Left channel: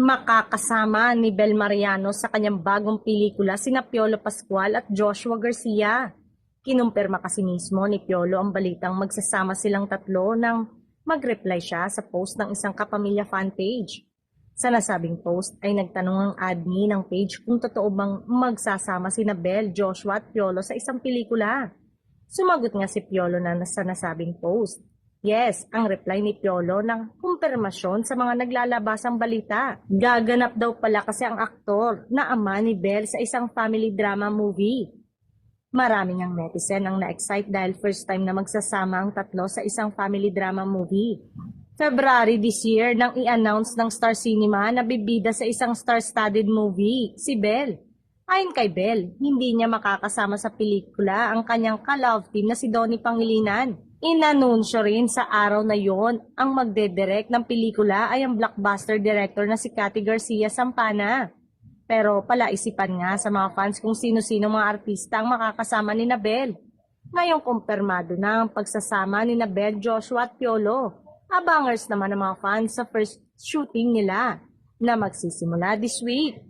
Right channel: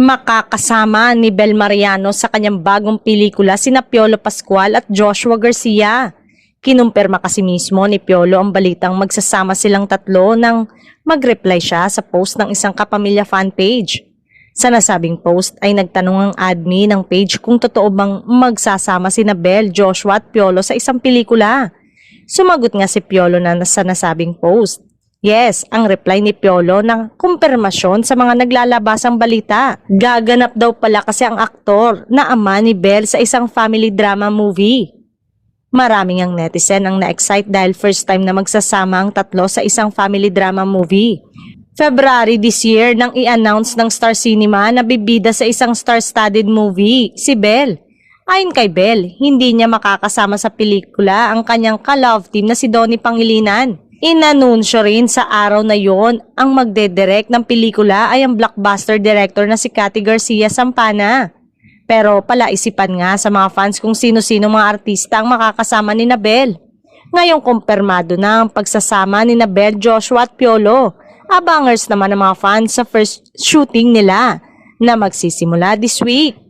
Makakasama ni Bel Mariano sa kanyang bagong pelikula sina Piolo Pascual at Joshua Garcia. Kinumpirma kasi mismo ni Piolo ang balitang magsasama silang tatlo nang mag-reply siya sa post ng isang kapamilya fan page. Sa nasabing post ay nagtanong ang admin ng page kung totoo bang magsasama sina Bel, Joshua at Piolo sa isang pelikula. Sumagot nga si Piolo na sa nasabing post. Yes, ang reply ni Piolo ng kumpirmasyon sa mga naglalabasang balita. Gaganap daw pala kasi ang aktor na ama ni Bel sa isang family drama movie. Maraming ang netizen ang na-excite dahil first time na magsasama ang tatlo sa isang family drama movie. February this year nang i-announce ng Star Cinema na bibida sa isang star-studded movie, si Bel. Ayon kay Bel, hindi niya makakasama sa pelikula ang kanyang ka-love team na si Donnie Pangilinan. Inanunsyo rin sa araw na yon ang magdedirect ng pelikula ay ang blockbuster director na si Cathy Garcia Sampana. Pero palaisipan nga sa mga fans kung sino-sino mga artista ang makakasama ni Bel. Ngayong kumpirmado na ang pagsasama ni Bel, Joshua at Piolo. Abangers naman ang mga fans sa first shooting nila na magsisimula this week.